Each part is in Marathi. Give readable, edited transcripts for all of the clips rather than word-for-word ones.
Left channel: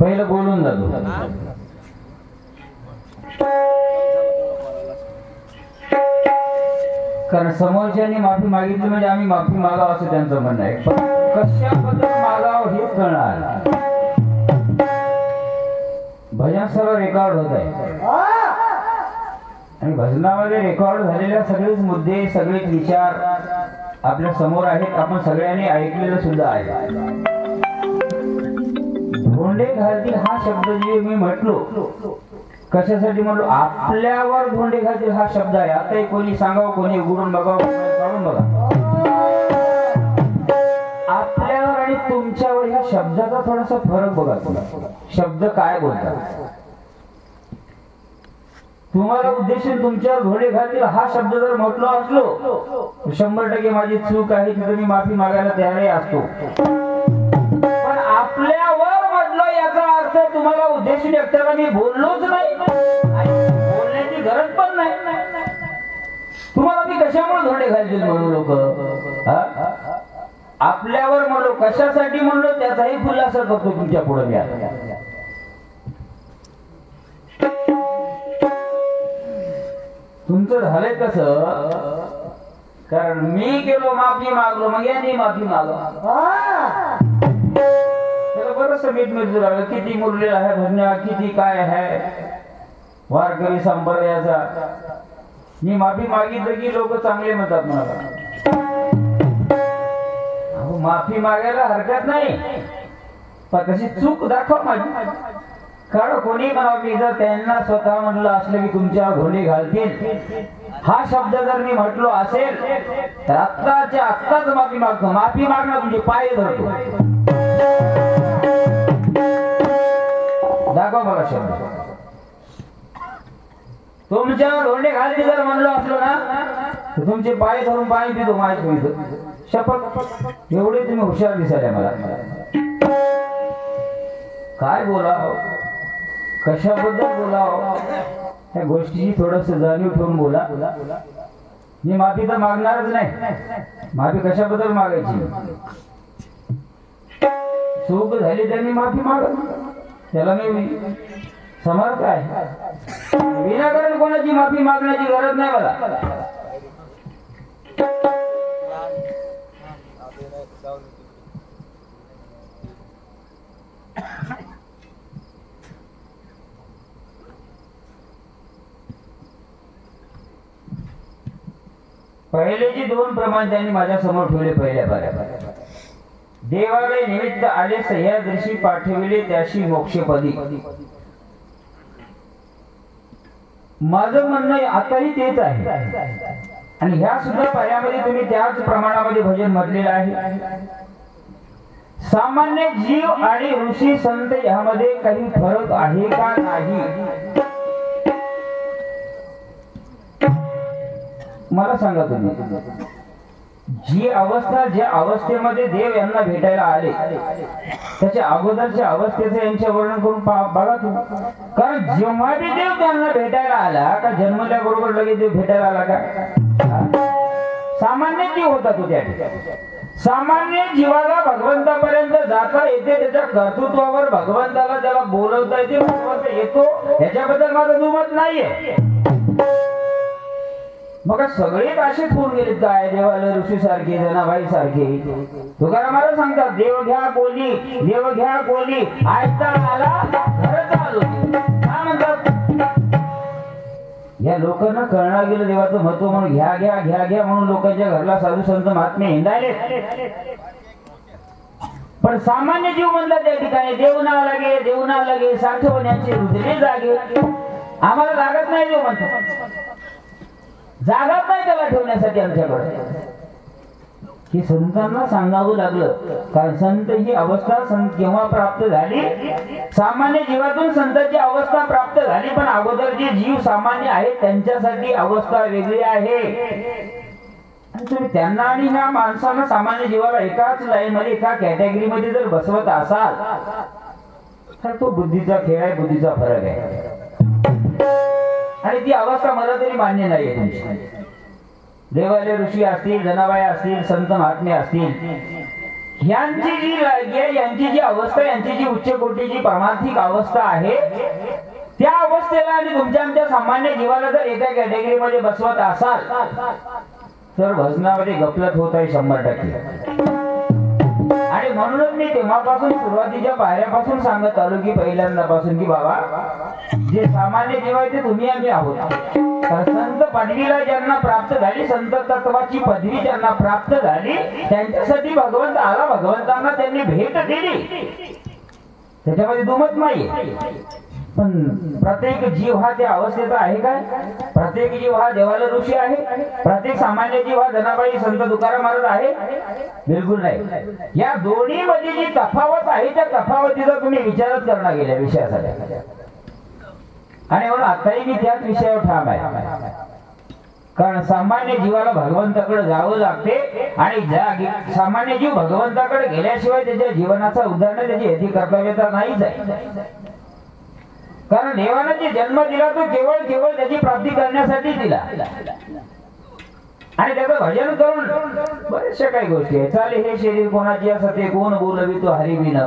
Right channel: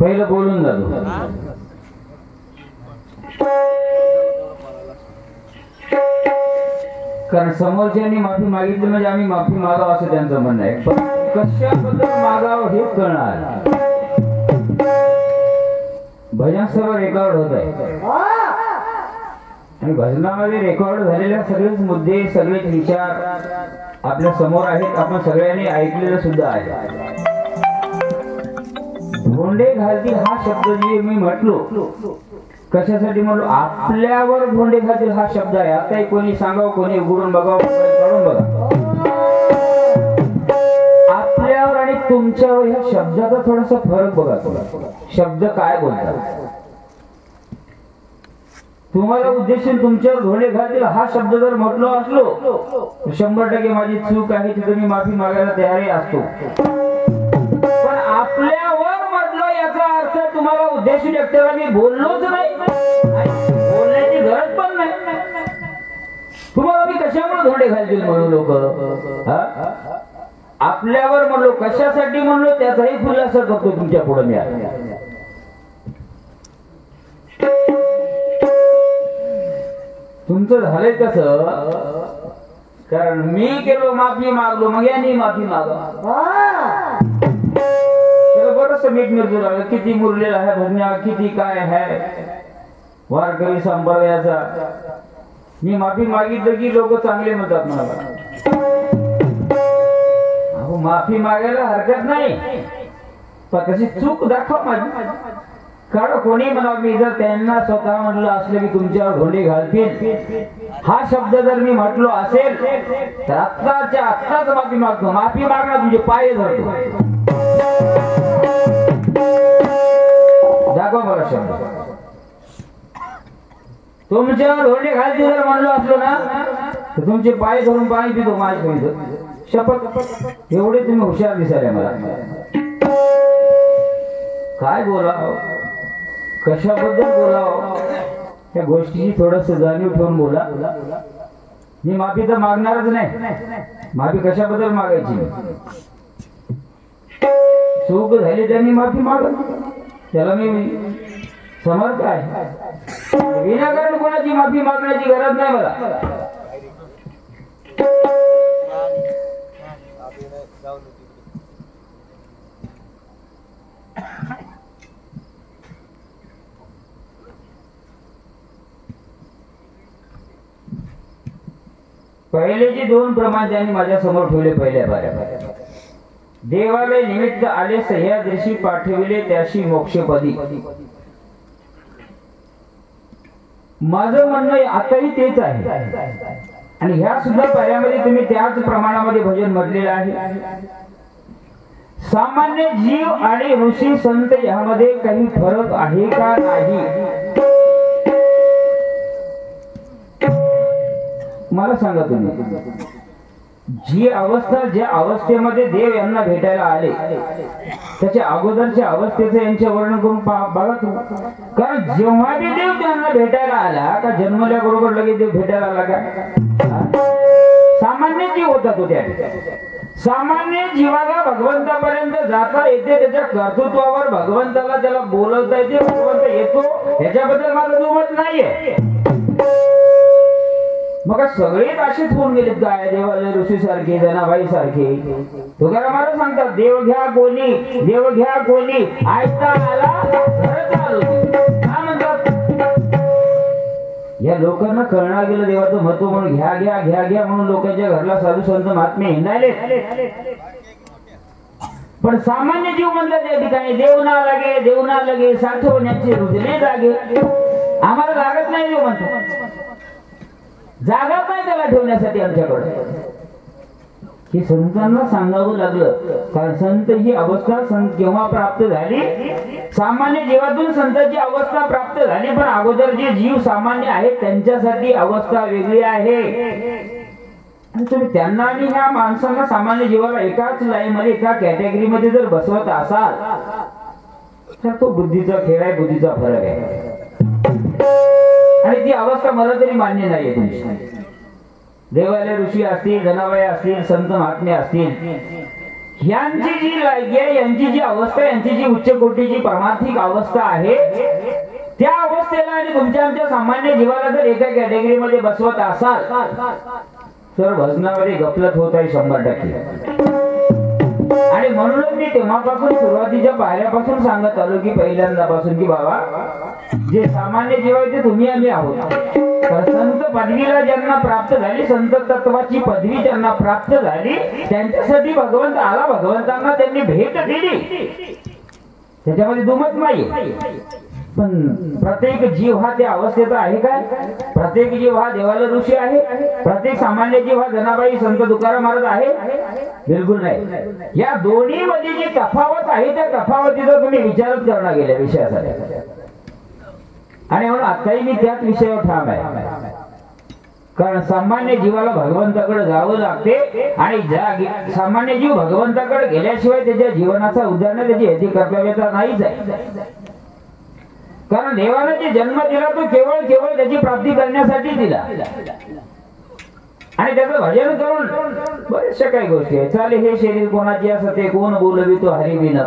पहिलं बोलून जातो. कारण समोरच्यानी माफी मागितली म्हणजे आम्ही माफी मागावं असं त्यांचं म्हणणं आहे. कशाबद्दल मागावं हेच कळणार. भजन सर्व रेकॉर्ड होत आहे आणि भजनामध्ये रेकॉर्ड झालेल्या सगळेच मुद्दे सगळेच विचार आपल्या समोर आहेत. आपण सगळ्यांनी ऐकलेलं सुद्धा आहे. धोंडे घालतील हा शब्द जे मी म्हटलो कशासाठी म्हणलो, आपल्यावर धोंडे घालतील हा शब्द आहे. आता कोणी सांगावं, कोणी उघडून बघावं, काढून बघा. आपल्यावर आणि तुमच्यावर ह्या शब्दाचा थोडासा फरक बघा. शब्द काय बोलतात. तुम्हाला उद्देशून तुमच्यावर धोंडे घालतील हा शब्द जर म्हटलो असलो 100% माझी चूक आहे, तिथे मी माफी मागायला तयारही असतो. पण आपल्यावर म्हटलो याचा अर्थ तुम्हाला उद्देशून एकट्याला मी बोललोच नाही, बोलण्याची गरज पण नाही. तुम्हाला मी कशामुळे धोंडे घालतील म्हणून लोक. आपल्यावर म्हणलो, कशासाठी म्हणलो त्याचाही खुलासा करतो तुमच्या पुढे मी. तुमचं झालंय कसं, कारण मी केलो माफी मागलो मग यांनी माफी मागलो. त्याला बरंच मीठ मिरचू लागलं. किती मुरलेला आहे भजना, किती काय आहे वारकरी संप्रदायाचा. मी माफी मागितलं की लोक चांगले म्हणतात मला. माफी मागायला हरकत नाही, पण तशी चूक दाखवा माझी. कारण कोणी म्हणा, मी जर त्यांना स्वतः म्हटलं असलं की तुमच्यावर धोंडे घालतील हा शब्द जर मी म्हटलो असेल तर आत्ताच्या आत्ताच माफी मागतो. माफी मागणार तुमचे पाय धरतो. दाखवा मला शब्द. तुमच्यावर धोंडे घालतील जर म्हणलो असलो ना तर तुमचे पाय धरून पाणी पितो माझ्या शपथ. एवढे तुम्ही हुशार दिसायला मला. काय बोलाव, कशाबद्दल बोलाव या गोष्टीची थोडस जाणीव ठेवून बोला. मी माफी तर मागणारच नाही. माफी कशाबद्दल मागायची. चूक झाली त्यांनी माफी मागत, त्याला मी समर्थ आहे. विनाकारण कोणाची माफी मागण्याची गरज नाही मला. पहिले जे दोन प्रमाण त्यांनी माझ्या समोर ठेवले. पहिल्या पाऱ्या, देवालय निमित्त आले सह्याद्रीशी पाठविले त्याशी मोक्षपदी. माझं म्हणणं आताही तेच आहे आणि ह्या सुद्धा पाऱ्यामध्ये तुम्ही त्याच प्रमाणामध्ये भजन म्हटलेलं आहे. सामान्य जीव आणि ऋषी संत यामध्ये काही फरक आहे का नाही मला सांगा तुम्ही. जी अवस्था, ज्या अवस्थेमध्ये देव यांना भेटायला आले त्याच्या अगोदरच्या अवस्थेचं यांचे वर्णन करून बघा तुम्ही. कारण जेव्हा बी देव त्यांना भेटायला आला का जन्मल्याबरोबर लगेच देव भेटायला आला का. सामान्य जीव होता तो. त्या सामान्य जीवाला भगवंतापर्यंत जाता येते. त्याच्या कर्तृत्वावर भगवंताला त्याला बोलवता येते. भगवंत येतो ह्याच्याबद्दल माझं दुमत नाहीये. मग सगळेच असेच होऊन गेलेत काय. देवालय ऋषी सारखे, जनाबाई सारखे. तुकारामाला सांगतात देव घ्या कोणी, देव घ्या कोणी, ऐकता आला घर चालू. काय म्हणतात या लोकांना कळणार गेलं देवाचं महत्व म्हणून. घ्या घ्या घ्या घ्या म्हणून लोकांच्या घरला साधू संत महात्मे हिंडायले. पण सामान्य जीव म्हणतात त्या ठिकाणी देव ना लागे, देव ना लागे, साठवण्याचे रुजले जागे. आम्हाला लागत नाही देव म्हणतो. जागा नाही त्याला ठेवण्यासाठी आमच्याकडे. हे संतांना सांगावं लागलं. कारण संत ही अवस्था केव्हा प्राप्त झाली. सामान्य जीवातून संतांची अवस्था प्राप्त झाली. पण अगोदर जे जीव सामान्य आहेत त्यांच्यासाठी अवस्था वेगळी आहे. तुम्ही त्यांना आणि ह्या माणसांना, सामान्य जीवाला एकाच लाईन मध्ये, एका कॅटेगरी मध्ये जर बसवत असाल तर तो बुद्धीचा खेळ आहे, बुद्धीचा फरक आहे. आणि ती अवस्था मला तरी मान्य नाहीये तुमची. देवालय ऋषी असतील, जनाबाई असतील, संत महात्मे असतील, यांची जी लायकी, यांची जी अवस्था, यांची जी उच्च कोटीची पारमार्थिक अवस्था आहे, त्या अवस्थेला आणि तुमच्या सामान्य जीवाला जर एका कॅटेगरीमध्ये बसवत असाल तर भजनामध्ये गफलत होत आहे 100%. आणि म्हणूनच मी तेव्हापासून सुरुवातीच्या पायऱ्यापासून सांगत आलो की पहिल्यांदापासून की बाबा जे सामान्य जीव आहे ते तुम्ही आम्ही आहोत. तर संत पदवीला ज्यांना प्राप्त झाली, संत तत्वाची पदवी ज्यांना प्राप्त झाली, त्यांच्यासाठी भगवंत आला, भगवंतांना त्यांनी भेट दिली, त्याच्यामध्ये दुमत नाही. पण प्रत्येक जीव हा त्या अवस्थेचा आहे काय? प्रत्येक जीव हा देवाला ऋषी आहे? प्रत्येक सामान्य जीव हा जनाबाई संत तुकाराम महाराज आहे? बिलकुल नाही. या दोन्ही मध्ये जी तफावत आहे त्या तफावतीचा तुम्ही विचारच करणार गेल्या विषयासाठी. आणि म्हणून आताही मी त्याच विषयावर ठाम आहे. कारण सामान्य जीवाला भगवंताकडे जावं लागते आणि सामान्य जीव भगवंताकडे गेल्याशिवाय त्याच्या जीवनाचा उद्धार, त्याची हेती कर्तव्यता नाहीच आहे. कारण देवाने जे जन्म दिला तो केवळ त्याची प्राप्ती करण्यासाठी दिला. आणि त्याचं भजन करून बरेचशा काही गोष्टी आहेत. चाले हे शरीर कोणाची असते, कोण बोलवी तो हरिबिन,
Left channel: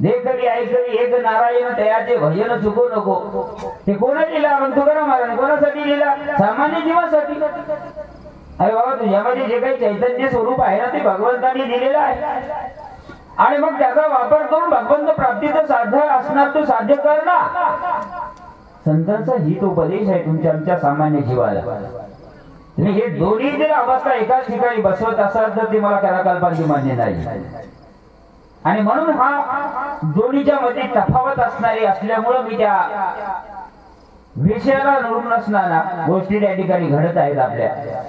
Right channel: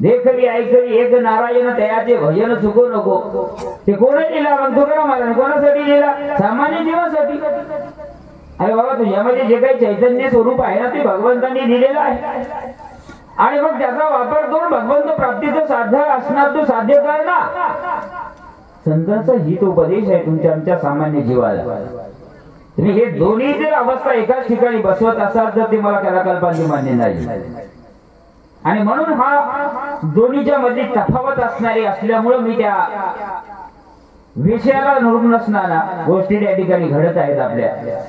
देखवी ऐकवी एक नारायण तयाचे भजन चुको नको. ते कोणी लिहिला? मग तुकाराम महाराज कोणासाठी लिहिला? सामान्य जीवासाठी. अरे बाबा, तुझ्यामध्ये जे काही चैतन्य स्वरूप आहे ना ते भगवंतांनी दिलेलं आहे. आणि मग त्याचा वापर करून भगवंत प्राप्तीचं साध्य असणार तो साध्य करणार. संतांचा हितोपदेश आहे तुमच्या आमच्या सामान्य जीवाला. तुम्ही हे दोन्ही जर अवस्था एकाच ठिकाणी बसवत असाल तर ते मला कलाकल्पांची मान्य नाही. आणि म्हणून हा दोन्हीच्या मध्ये तफावत असणारी असल्यामुळे मी त्या विषयाला नोंद नसणारा गोष्टी त्या ठिकाणी घडत आहेत आपल्या.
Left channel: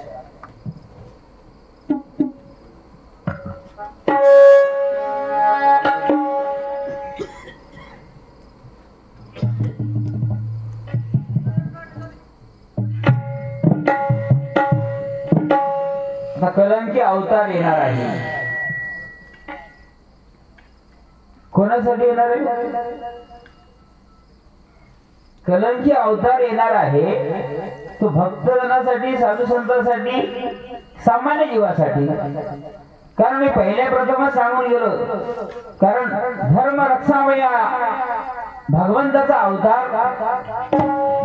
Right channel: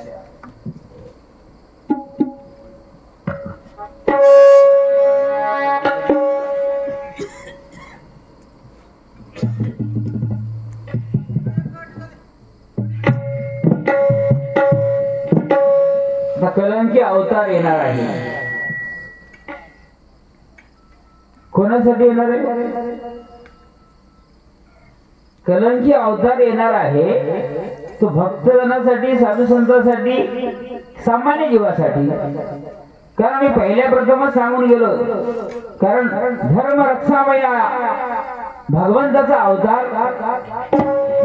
कलंकी अवतार येणार आहे. कोणासाठी येणार आहे? कलंकी अवतार येणार आहे तो भक्तजनासाठी, साधू संतांसाठी, सामान्य जीवासाठी. कारण मी पहिल्या प्रथमच सांगून गेलो, कारण धर्म रक्षामया भगवंताचा अवतार,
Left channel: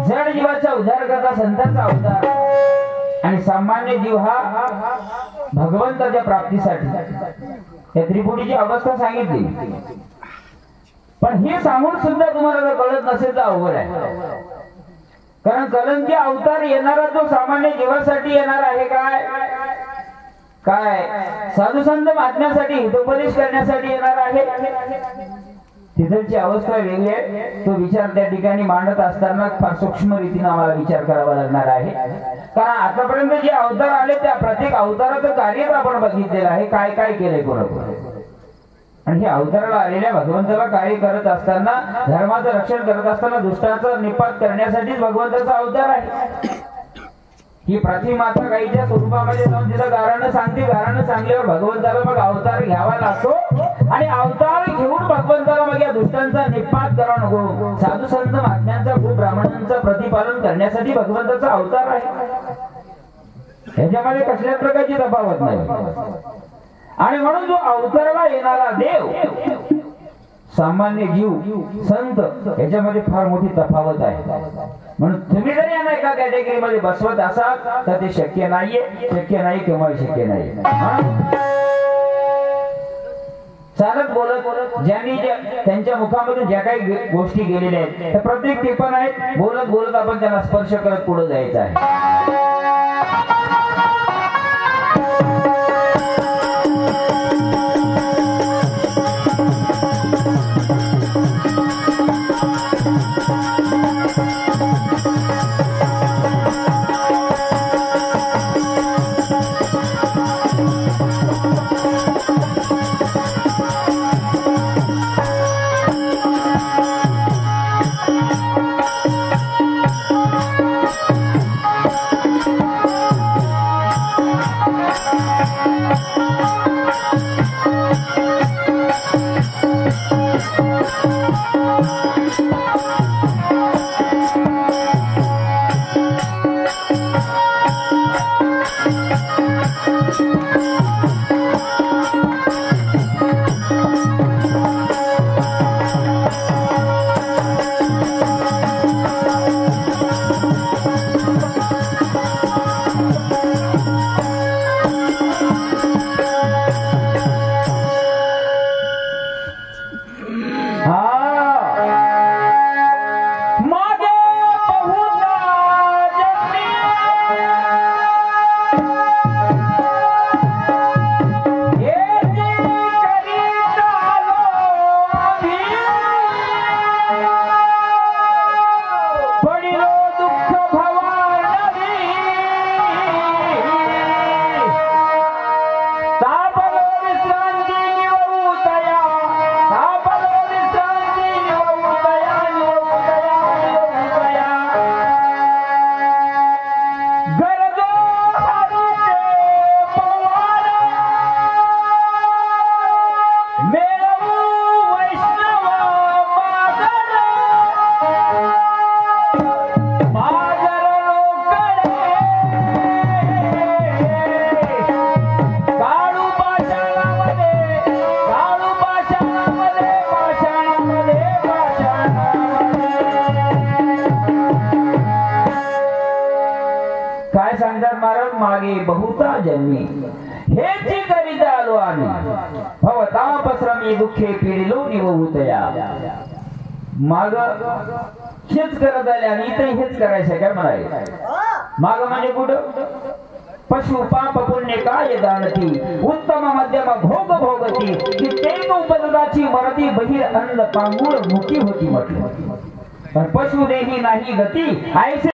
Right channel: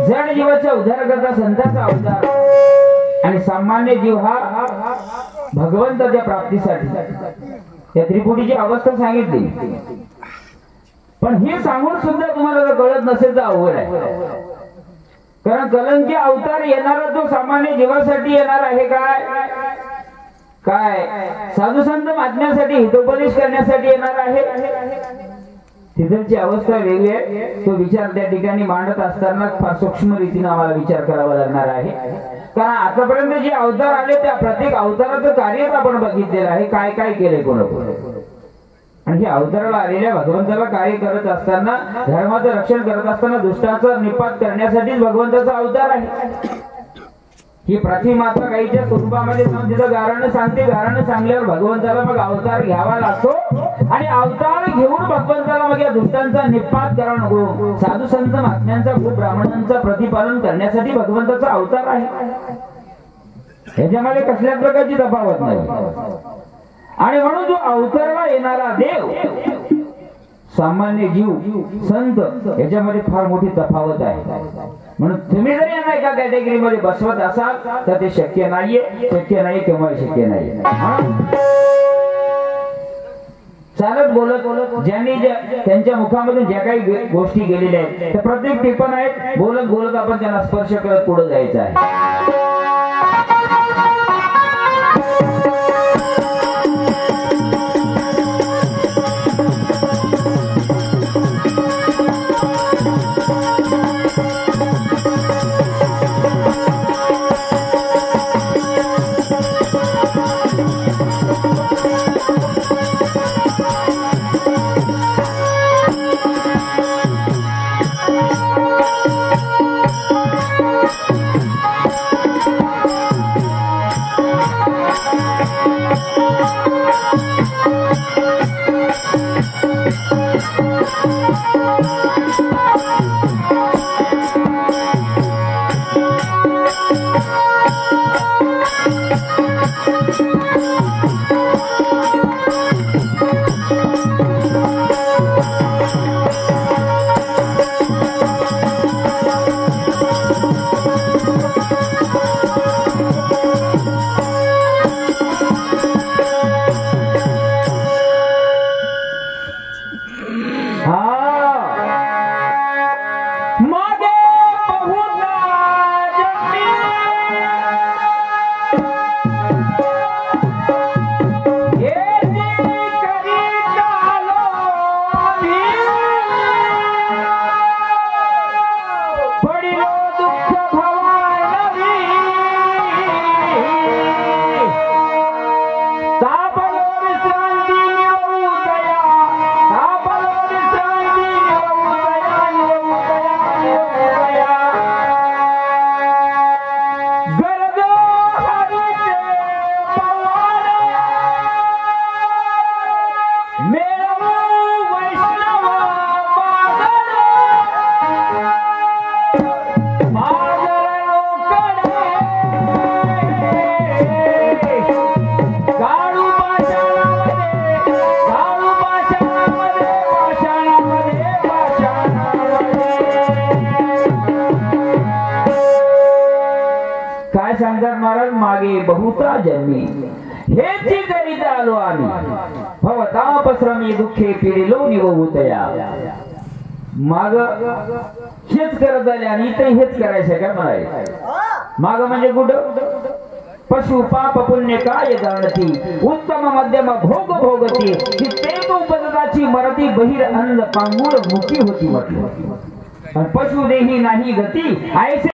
जड जीवाचा उद्धार करता संतांचा अवतार, आणि सामान्य जीव हा भगवंताच्या प्राप्तीसाठी. या त्रिपुटीची अवस्था सांगितली. पण हे सांगून सुद्धा तुम्हाला जर कळत नसेल तर अवघड आहे. कारण कलंकी अवतार येणारा तो सामान्य जीवासाठी येणार आहे काय? साधू संत माजण्यासाठी, हितोपदेश करण्यासाठी येणार आहे. तिथलची अवस्था वेगळी आहे. तो विचार त्या ठिकाणी मांडत असताना फार सूक्ष्म रीतीने आम्हाला विचार करावा लागणार आहे. कारण आतापर्यंत जे अवतार आले त्या प्रत्येक अवताराचं कार्यच आपण बघितलेलं आहे, काय काय केलंय कोण. आणि हे अवताराला आलेल्या भगवंताला कार्य करत असताना, धर्माचं रक्षण करत असताना दुष्टाचा निपात करण्यासाठी भगवंताचा अवतार आहे. ही प्रतिमाता गाईच्या स्वरूपामध्ये तिथं गारानं सांगते, गारानं सांगल्यावर भगवंताला मग अवतार घ्यावा लागतो. आणि अवतार घेऊन भगवंताला मग या दुष्टांचा निपात करणं, साधू संत महात्म्यांचा, ब्राह्मणांचा प्रतिपालन करण्यासाठी भगवंताचा अवतार आहे. ह्याच्यामध्ये कसल्याच प्रकारची तफावत नाही. आणि म्हणून जो अवतारला येणारा देव, सामान्य जीव, संत, याच्यामध्ये फार मोठी तफावत आहे. म्हणून तुम्ही जर यांना एका कॅटेगरीमध्ये बसवत असाल तर ते शक्य नाहीये. शक्य नाही, केव्हा शक्य नाही. चालत बोलत ज्यांनी त्यांच्या मुखामधून ज्या काही गोष्टी गेलेल्या आहेत त्या प्रत्येक टिपण आहेत. बोलत बोलत आपण त्यांना स्पर्श करत पुढे जायचं आहे. म्हणतात महाराज मागे बहुता जन्मी हेची करीत आलो आम्ही भवतापश्रमी दुःखे पिढिलो निवहुतया माग हेच करत आले आणि इथे हेच करायचं काय म्हणाले माग म्हणजे कुठं पशु पाप पुण्य काय जाणती उत्तम मध्यम भोग भोगती कित्येक उपददाची मरती बहिर अन्न पांगुळ मुखी होती म्हटली पशु देही नाही गती ऐसे